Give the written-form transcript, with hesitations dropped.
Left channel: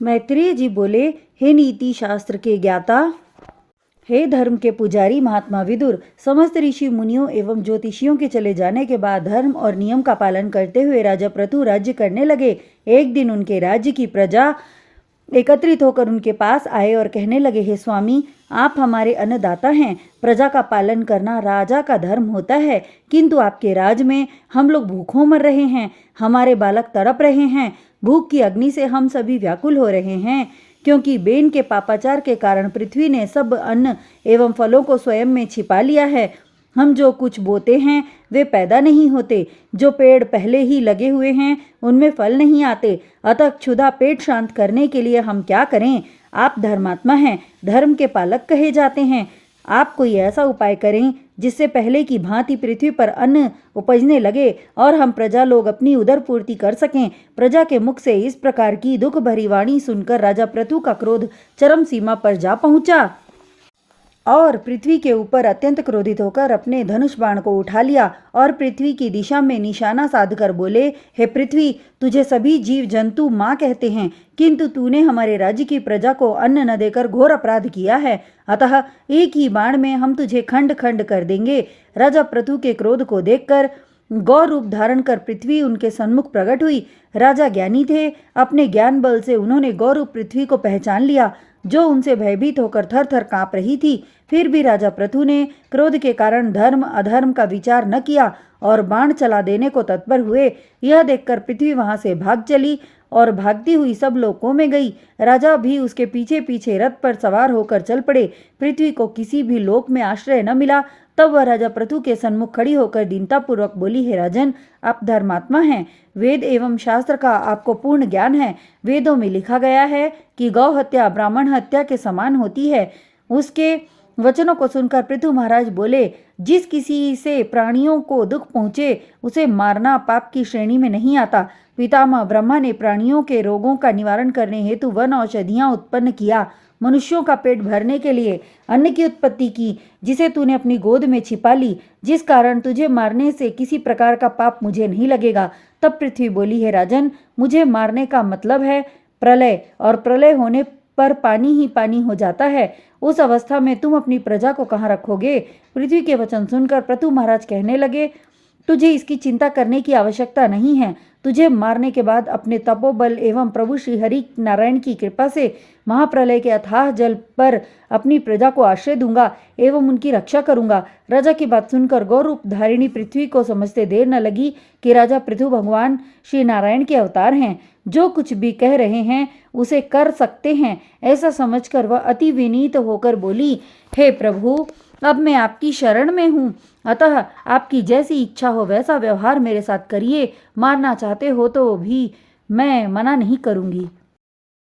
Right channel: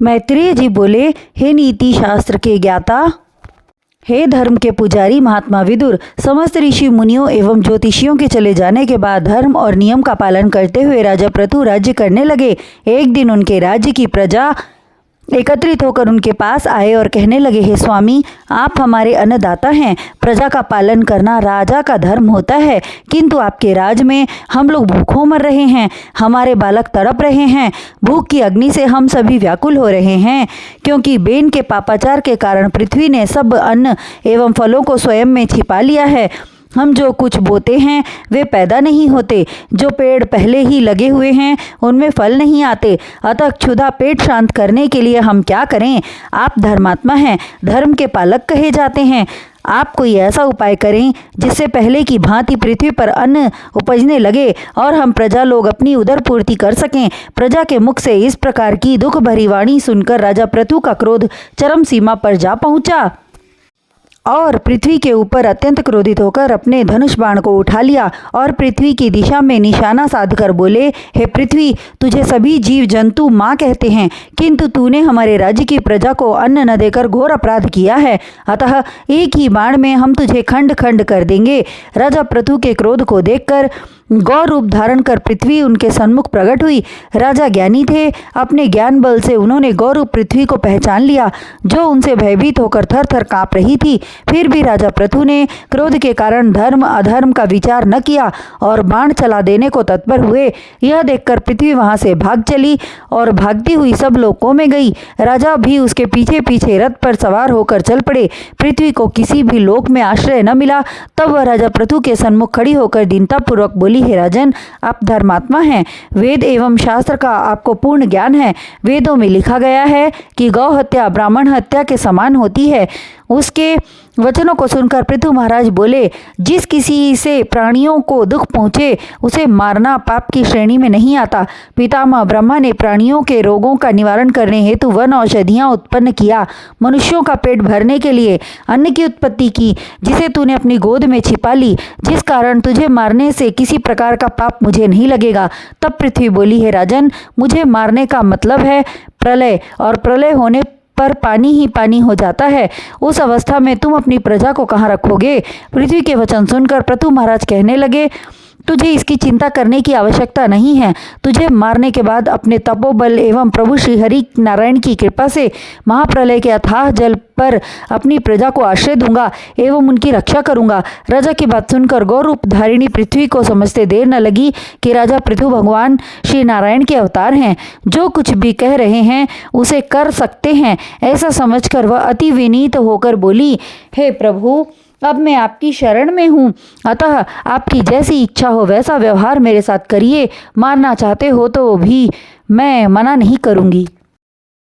मैत्रेय जी बोले, हे नीति शास्त्र के ज्ञाता, हे धर्म के पुजारी महात्मा विदुर, समस्त ऋषि मुनियों एवं ज्योतिषियों के चले जाने के बाद धर्म और नियम का पालन करते हुए राजा पृथु राज्य करने लगे। एक दिन उनके राज्य की प्रजा एकत्रित होकर उनके पास आए और कहने लगे, हे स्वामी, आप हमारे अन्नदाता हैं, प्रजा का पालन करना राजा का धर्म होता है, किंतु आपके राज में हम लोग भूखों मर रहे हैं, हमारे बालक तड़प रहे हैं, भूख की अग्नि से हम सभी व्याकुल हो रहे हैं, क्योंकि बेन के पापाचार के कारण पृथ्वी ने सब अन्न एवं फलों को स्वयं में छिपा लिया है। हम जो कुछ बोते हैं वे पैदा नहीं होते, जो पेड़ पहले ही लगे हुए हैं उनमें फल नहीं आते, अतः क्षुधा पेट शांत करने के लिए हम क्या करें? आप धर्मात्मा हैं, धर्म के पालक कहे जाते हैं, आप कोई ऐसा उपाय करें जिससे पहले की भांति पृथ्वी पर अन्न उपजने लगे और हम प्रजा लोग अपनी उदर पूर्ति कर सकें। प्रजा के मुख से इस प्रकार की दुख भरी वाणी सुनकर राजा पृथु का क्रोध चरम सीमा पर जा पहुंचा और पृथ्वी के ऊपर अत्यंत क्रोधित होकर अपने धनुष बाण को उठा लिया और पृथ्वी की दिशा में निशाना साधकर बोले, हे पृथ्वी, तुझे सभी जीव जंतु माँ कहते हैं, किंतु तूने हमारे राज्य की प्रजा को अन्न न देकर घोर अपराध किया है, अतः एक ही बाण में हम तुझे खंड खंड कर देंगे। राजा पृथु के क्रोध को देखकर गौ रूप धारण कर पृथ्वी उनके सन्मुख प्रकट हुई। राजा ज्ञानी थे, अपने ज्ञान बल से उन्होंने गौ रूप पृथ्वी को पहचान लिया, जो उनसे भयभीत होकर थर थर काँप रही थी। फिर भी राजा पृथु ने क्रोध के कारण धर्म अधर्म का विचार न किया और बाण चला देने को तत्पर हुए। यह देखकर पृथ्वी वहां से भाग चली और भागती हुई सब लोकों में गई। राजा भी उसके पीछे पीछे रथ पर सवार होकर चल पड़े। पृथ्वी को किसी भी लोक में आश्रय न मिला। तब वह राजा पृथु के सन्मुख खड़ी होकर दीनतापूर्वक बोली, हे राजन, आप धर्मात्मा हैं, वेद एवं शास्त्र का आपको पूर्ण ज्ञान है। वेदों में लिखा गया है कि गौ हत्या ब्राह्मण हत्या के समान होती है। उसके वचनों को सुनकर पृथु महाराज बोले, जिस किसी से प्राणियों को दुख पहुँचे उसे मारना पाप की श्रेणी में नहीं आता। पितामह ब्रह्मा ने प्राणियों के रोगों का निवारण करने हेतु वन औषधियाँ उत्पन्न किया, मनुष्यों का पेट भरने के लिए अन्न की उत्पत्ति की, जिसे तूने अपनी गोद में छिपा ली, जिस कारण तुझे मारने से किसी प्रकार का पाप मुझे नहीं लगेगा। तब पृथ्वी बोली, हे राजन, मुझे मारने का मतलब है प्रलय, और प्रलय होने पर पानी ही पानी हो जाता है। उस अवस्था में तुम अपनी प्रजा को कहाँ रखोगे? पृथ्वी के वचन सुनकर पृथु महाराज कहने लगे, तुझे इसकी चिंता करने की आवश्यकता नहीं है। तुझे मारने के बाद अपने तपोबल एवं प्रभु श्री हरि नारायण की कृपा से महाप्रलय के अथाह जल पर अपनी प्रजा को आश्रय दूंगा एवं उनकी रक्षा करूंगा। राजा की बात सुनकर गौरूप धारिणी पृथ्वी को समझते देर न लगी कि राजा पृथु भगवान श्री नारायण के अवतार हैं, जो कुछ भी कह रहे हैं उसे कर सकते हैं। ऐसा समझकर वह अति विनीत होकर बोली, हे प्रभु, अब मैं आपकी शरण में हूँ, अतः आपकी जैसी इच्छा हो वैसा व्यवहार मेरे साथ करिए। मारना चाहते हो तो भी मैं मना नहीं करूँगी।